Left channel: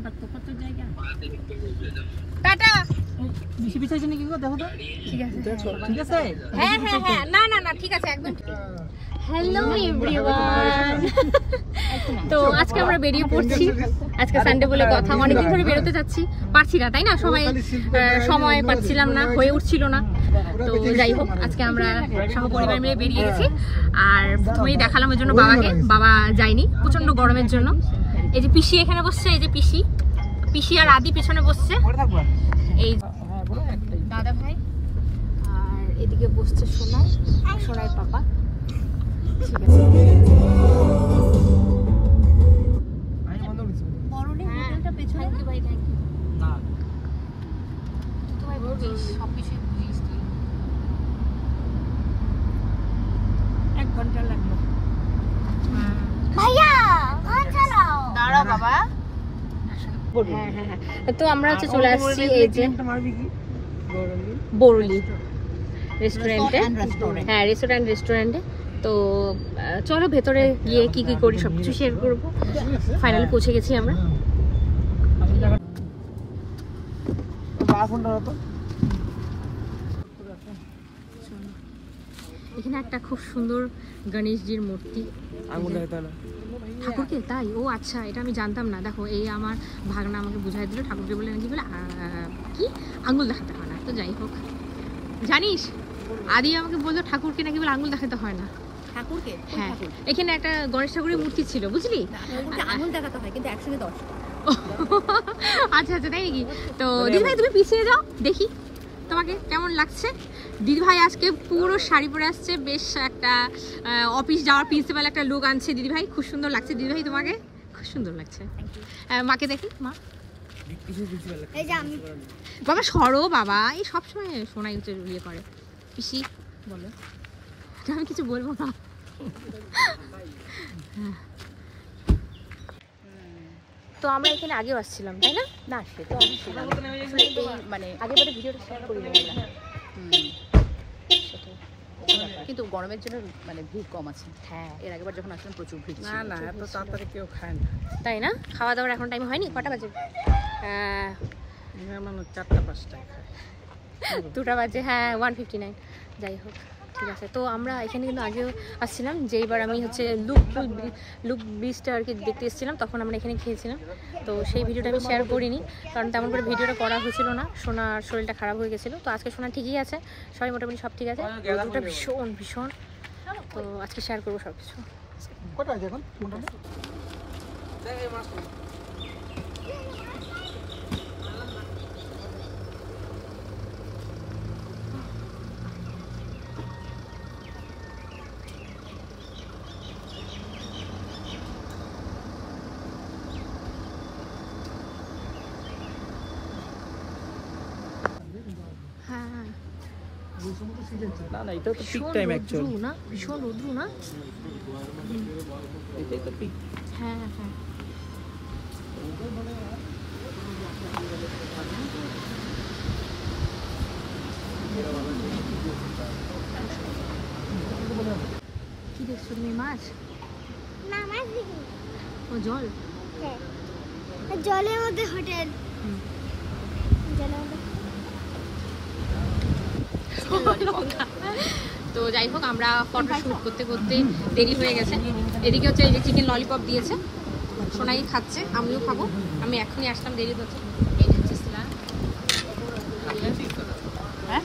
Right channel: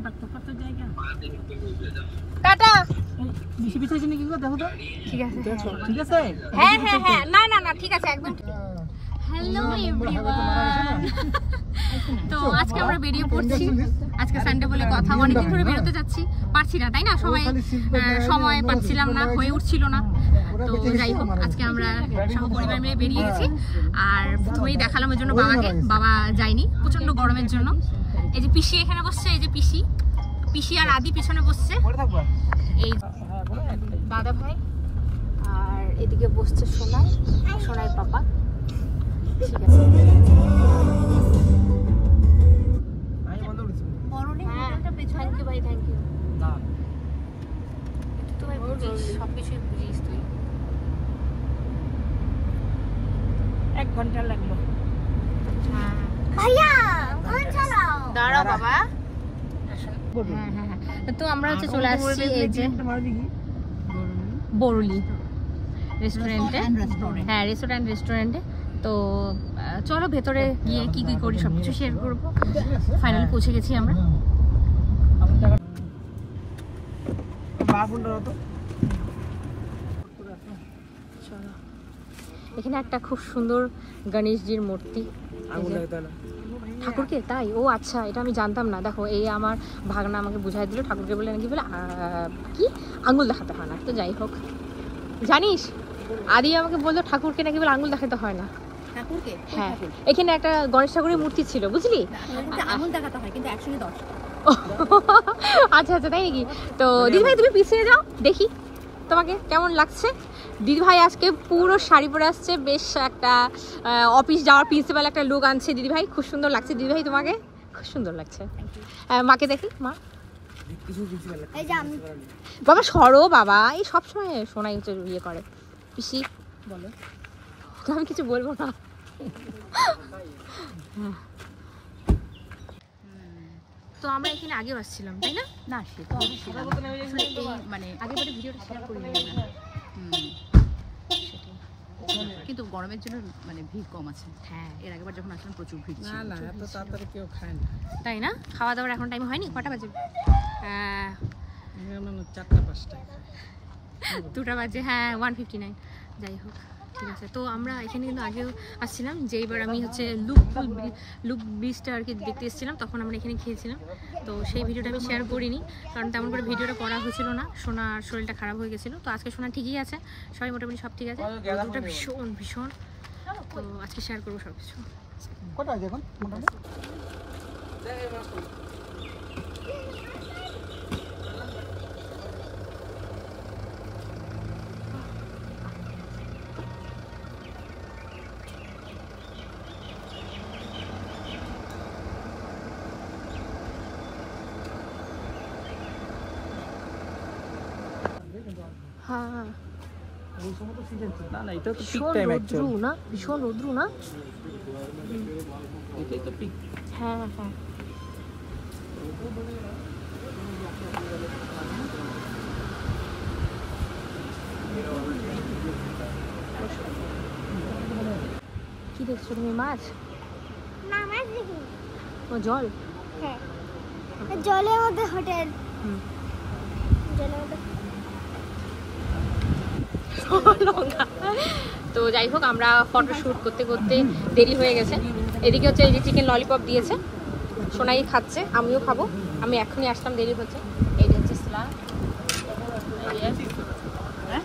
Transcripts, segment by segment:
যেতে পারতো কত জায়গা। টাটা। বেশি পিছাইছি নাকি গো, দেখো তো। ঠিক আছে ঠিক আছে। হ্যাঁ হ্যাঁ হ্যাঁ, না না না ঠিক আছে একদম। হ্যালো এভরিওয়ান, তো আজকে আমরা বেরিয়ে পড়ছি। আজকে সানডে বলে কথা, অনেকদিন ধরে বেরোতে যাচ্ছি, পারছি না তাই না, সময় পাচ্ছিলাম না, হয়ে উঠছিল না। তো যাই হোক, আজকে আমরা সহ পরিবার মিলে বেরিয়ে গেছি। আর প্রথমেই দেখালাম ওই জন্য বাবাকে, বাবা যায়নি প্রচন্ড গরমের জন্য। এই যে পিসি এখানে বসছে, এই যে পিসি আর আদি পেছনে বসছে, এই দাদা ভাই, আর এদিকে বসছে সোনাই পাপা। ঠিক আছে, হ্যাঁ থ্যাংক ইউ ভাই, থ্যাংক ইউ। তুই তো ভাই বুঝিস, সব কিছুই বুঝিস তুই। 1 ঘন্টা লাগলো ভাইয়া, দাঁড়াও বাবা। হ্যাঁ হ্যাঁ হ্যাঁ, তো আমরা হচ্ছে চলে আসছি এই যে বরুলি রেস্টুরেন্টে। হ্যাঁ, রেস্টুরেন্টে। তো চলো ভেতরে গিয়ে কি কি করি সবকিছু শেয়ার করবো। ফাইনালি পৌঁছে গেছি আমরা। চলো, এখানে একটা খুব সুন্দর গণেশজির মূর্তি। ঠাকুরকে তাই? ও আচ্ছা, এটা আমি জানতাম না। দেখো, এই আমার ভাগনা আমাকে বুঝাই দিল, ঠাকুরকে বলে নাকি বলে কি আঙুল দেখাতে হয় না। তো যাই হোক, জানিস আদি আমাকে বললো ঠাকুরকে নাকি বলে আঙুল দেখাতে হয় না। ঠাকুরকে? হ্যাঁ, এখানে একটা গণেশ ঠাকুরের মূর্তি ছিল, বুঝলি? আঙুল দেখাতে হয়, কিন্তু 110। আচ্ছা আচ্ছা, তাই নাকি? তো দিদিভাই তুমি পিছিয়ে যাও, দেখি তোমাকে কেমন লাগছে। দিদিভাই আজকে পুরো শাড়ি পরে আসছে, বেশ একটা অফিস যাওয়ার প্রিন্সিপাল একটা লুক আনছে দিদিভাই। খুব সুন্দর লাগছে দিদিভাই, তোমাকে খুব সুন্দর লাগছে। মাকে দেখি, মা বাবা সরো বাবা, এই সবসময় সোনাই হচ্ছে ইয়ে করে। পিসি বলো, আমি কিছু বলবো না। তো আমরা এখানে আগেও আসছিলাম তাই না? না, সে তো আসছিলাম, আসলে এই মানে আগেবারে ভিডিওটা শেয়ার করি না আমরা। সেটাই, কিন্তু গরমের জন্য মানে ভিড় কম আছে। হ্যাঁ, এর আগেবার যখন আসলাম প্রচুর ভিড় ছিল। না এত তাড়াতাড়ি কেউ খায় না, তাই না? খাওয়া দাওয়ার এখন টাইম হয়নি, কটা বাজে? মানে 4টা-5টা 2টা বাজে, হ্যাঁ 1:59। যাই হোক, ঠিক আছে। তো আমরা এখানে কিন্তু আগেও আসছিলাম, যেইবার আমি হচ্ছে লুক ব্রিজটা আর কি দেখতে এসেছিলাম, তখন আমরা এখানে খেয়েছিলাম। তো সেই ভিডিওটা আমি শেয়ার করিনি, কারণ তেমন করে ভিডিওটা করা হয়েছিল না। সোনার শরীরটা খারাপ হয়ে গেছিলো। তো আজকে সোনা ঠিকই আছে, সবাই মোটামুটি সব ঠিক আছে। রোদটা ভীষণ, তো আজকে শেয়ার করবো সব কিছু। কোথায় দেখুন হ্যাঁ, না, এটা তো পিক ভীষণ টাইম রৌদ্র না, ভীষণ রৌদ্র না। এটাই তো পিক। হ্যাঁ হ্যাঁ, কি দেখছো তুমি? মাছ? ও জল, জলের মধ্যে হোটেল। তো যাই হোক, আমরা ফটো শুট করতে করতে দেরি হয়ে গেছে। এদিকে হচ্ছে এই যে চিকেন ললিপপ দিয়েছে, সোনাই খাচ্ছে, আমিও খাবো। আমি এখনই আসলাম, দেরি হচ্ছে। এই যে হচ্ছে স্যালাড, হ্যাঁ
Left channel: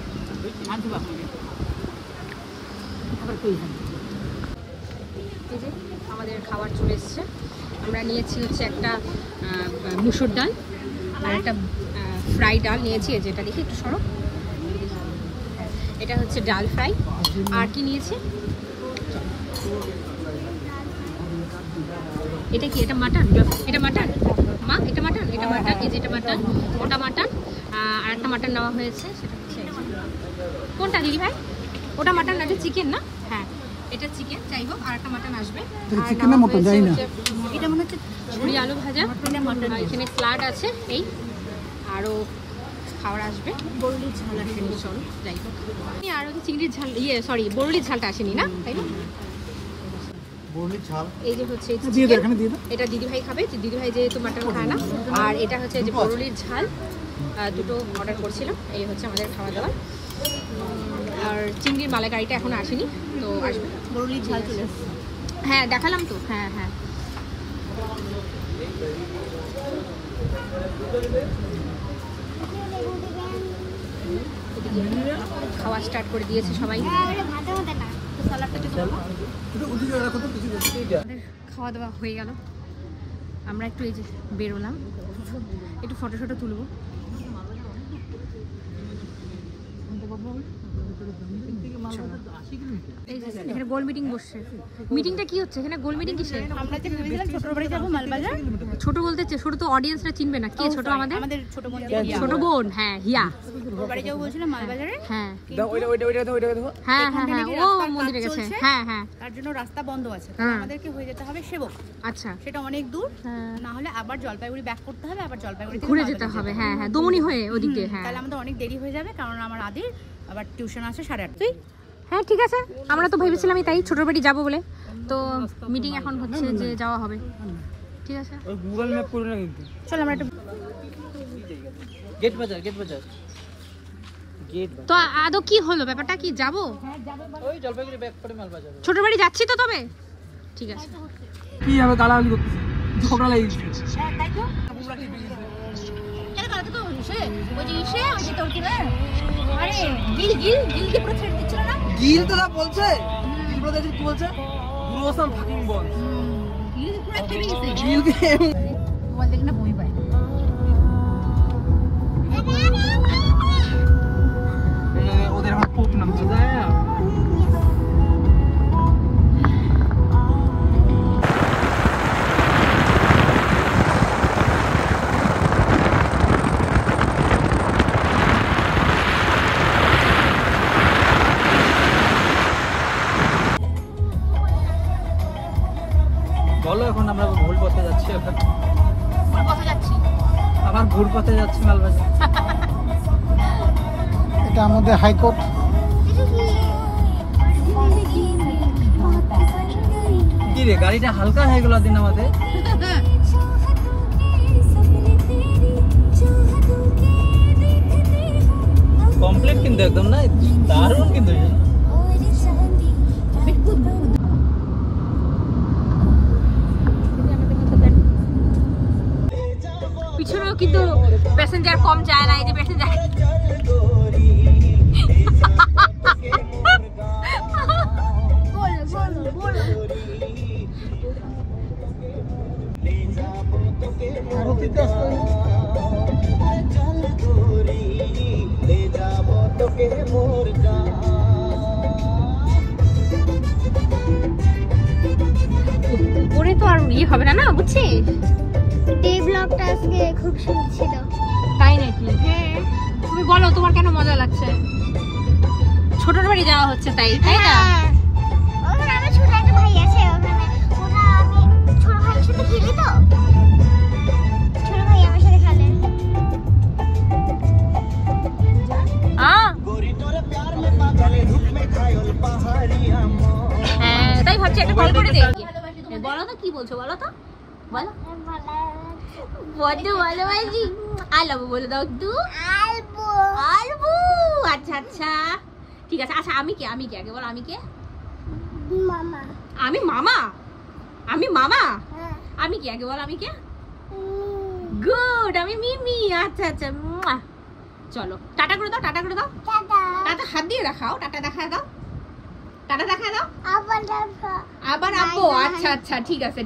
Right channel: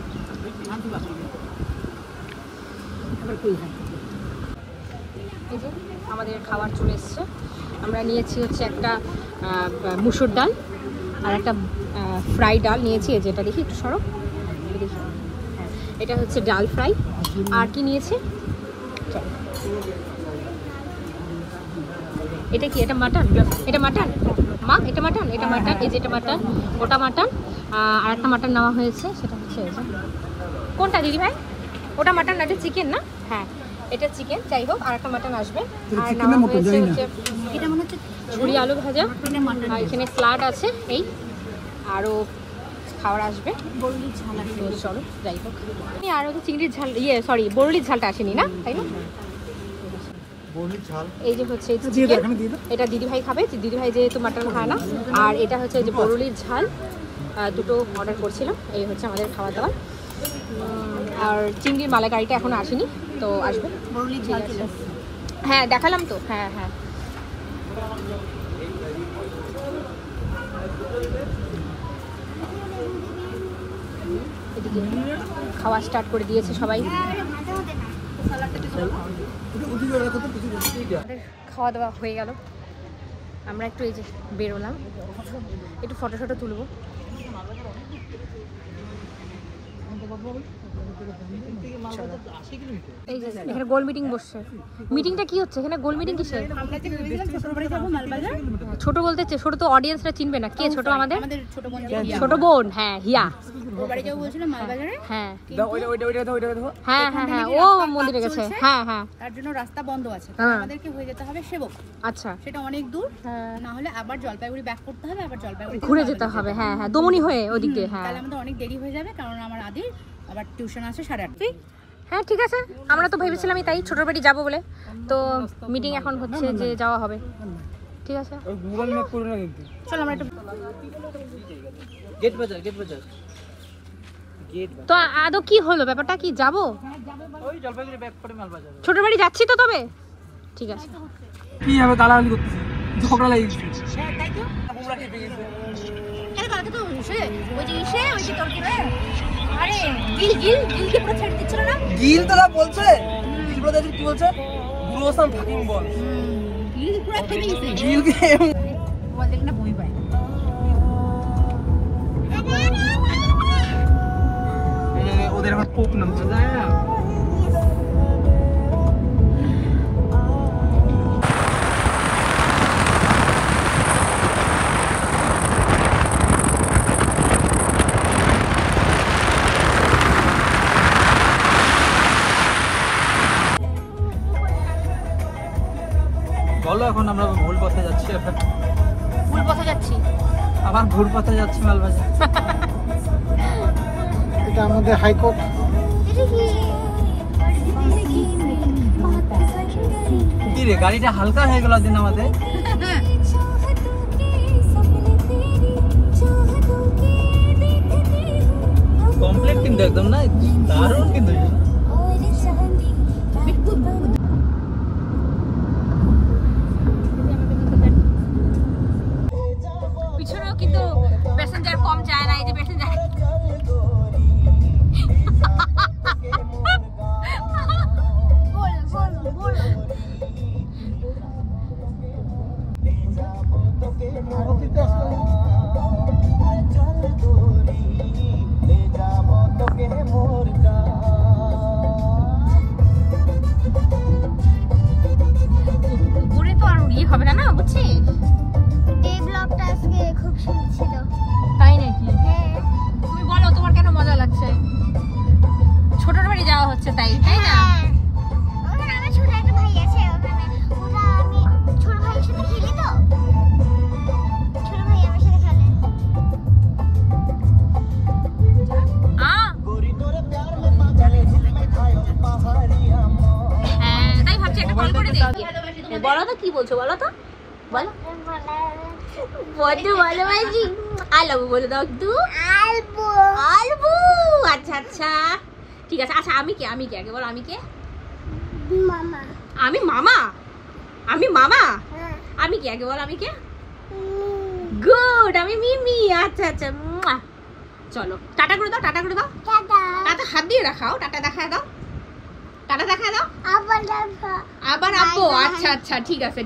এই যে আমাদের খাবার চলে এসছে। আমরা নিয়েছি হচ্ছে একটা মুসুর ডাল আর একটা ফ্রাই ডাল নিয়েছি। এই যেটা দেখি একটু সরো, এটা হচ্ছে ডাল ফ্রাই। আর কি নিয়েছি? এটা কি? এটা মাটন? এটা মাটন মা, এটা মাটন, এটা মাটন, এই যে এটা মাটন, ওটা মাটন। আর একটা মাটন নেওয়া হয়েছে, সেটা হচ্ছে কোনটা দিদি ভাই? ওটা মাটন, এটা চিকেন না? হ্যাঁ, এটা চিকেন। যাই হোক, আর একটা মাটন আসবে। আর নেওয়া হয়েছে হচ্ছে এটা মনে হচ্ছে ঝুড়ি আলু ভাজা, আর এখানে স্যালাড আছে। এই আরও খাবার আসবে। বরুলির ঝাল আসে। চলো যাই হোক, আর ওই চিংড়ির ঝাল, সরি বরুলির ঝালটা আসেনি না, তাই না? এই যে হচ্ছে এই দিয়ে দাও, chicken, এখানে দিয়ে দাও। এটা দিদিভাই খাবে, দিদিভাই যেহেতু মাটন খায় না। আর এটা হচ্ছে এই যে বরুলির ঝাল, দুটো অর্ডার করছিলাম। এই হচ্ছে আমাদের খাওয়া দাওয়া। আর চিংড়ির মালাইকারিটা এখনো আসেনি, তো আসবে। বরুলির ঝাল চলে আসছে। হ্যাঁ দেখালাম তো, হ্যাঁ হ্যাঁ। এদিকে খাওয়া স্টার্ট করে দিয়েছে সবাই। আমাদের খাওয়া দাওয়া হয়ে গেল, আমরা একটু এই যে বেরোলাম, একটু ফটো শটো তুলবো। এখানে গোল মিটিং বসছে। মিটিংটা কি হচ্ছে এখানে? গোল মিটিং কিসের? আমরা কি ভেবেছিলাম ছোট বাড়ি যাবো মালবাজার। ছোট বলতে ছোট তো অডিয়েন্সরা চিনবে না। কে ছোট? আমাদের ছোট বোন যে হিয়া। ছোট বোন, হ্যাঁ হিয়া। ওর বাড়ি যাবো বলছিলাম মালবাজারে। হ্যাঁ কিন্তু হ্যাঁ হ্যাঁ হ্যাঁ, ও মন্দিরে গেছে। হ্যাঁ হ্যাঁ, তার জন্য রাস্তা বন্ধ আছে, তাই হ্যাঁ। আমাদেরকে হয়ে যেতে হবে সেবক। আচ্ছা সেটা অনেক দূর, হ্যাঁ, না হলে আবার জলপাইগুড়ি ব্যাক করতে হবে, আবার জলপাইগুড়ি থেকে ঘুরে মালবাজার যেতে হবে। হ্যাঁ হ্যাঁ, দমনি হয়ে ওদিক দিয়ে। হ্যাঁ তাহলে আমাদের অনেক দেরি হয়ে যাবে, কারণ আমার আদির আবার টিউশন আছে 8:30। হ্যাঁ ঠিক আছে, আমরা তো ভেবেছিলাম তাই ছোট বাড়ি যাবো বলে। তো মিটিং এখন হচ্ছে যে যাওয়া হবে। ঠিক আছে, ওই গুগল ম্যাপ করে না কিন্তু। চল আমরা একটু গেট বাজার গেট। তো আদৌ কি হলো, ব্যাপারটা কি? যাবো ওই জলপাইগুড়ি ব্যাক করে মালবাজার। ছোট বাড়ি যাচ্ছি তো তবে। ঠিক আছে। কি হবে গালাগালি করতেছে, ঝগড়া লেগে গেছে। হ্যাঁ তাই তো। গিল তো দা বলছে, গিল বলতে কি বলছে? গ্রোসাম ফাকিং বল। গিল দিয়ে ওদের এখন পোপ নামছে যায়। বলো এখন আমরা ভুল পথে যাচ্ছি, ভুল পথে যাচ্ছি। আবার ভুল পথে যাচ্ছি মালবাজার। এটা আমাদের হাইকোর্ট। কি রে, গাড়িটা হালকা হয়ে গেল দিন আমাদের। কমপ্লিট কিন্তু একদম না, দারুণ কিন্তু। পিছনেও কিন্তু প্যাসেঞ্জার কম যায় না। এই যে প্যাসেঞ্জার উপরে তো আর ইয়ে হবে না, না বুঝছিস? এই ব্লগটা আজকে খুব সুন্দর ছিল। তাই নাকি? হ্যাঁ তুমি বলো তোমার কেন মজা লাগছে? ছোটর বাড়ি যাওয়া হচ্ছে তাই, তাই না? হ্যাঁ। ওখানে আমার ছোট একটা ভাই আছে, ওখানে ওরা আমি ছোট ভাইয়ের সাথে খেলি তো। ছোট ভাই আমার সাথে খেলে। হ্যাঁ তাই ভাবছি একটা কল করে দেখি। বলো তো কি বলছো, বলো তো, বলো। বড্ড ভালোবাসি, আই লাভ ইউ বলে দাও একটু। আলবো আলবু, আচ্ছা আচ্ছা ঠিক আছে। আচ্ছা আমি কে, আমি কে আগে বলো, আমি কে? মামা। আমি মামা? আমি মামা? হ্যাঁ। আমি কে আগে বলো, আমি কে? গুড, আমি মিমি। আচ্ছা আচ্ছা, মুয়া। চলো টাটা করে দাও, টাটা করে দাও। টাটা। টাটা হাত দিয়ে রাখাও, টাটা দেখায় দাও, টাটা দেখায় দাও। আবার দেখা। আবার আপু, আচ্ছা আচ্ছা ঠিক আছে।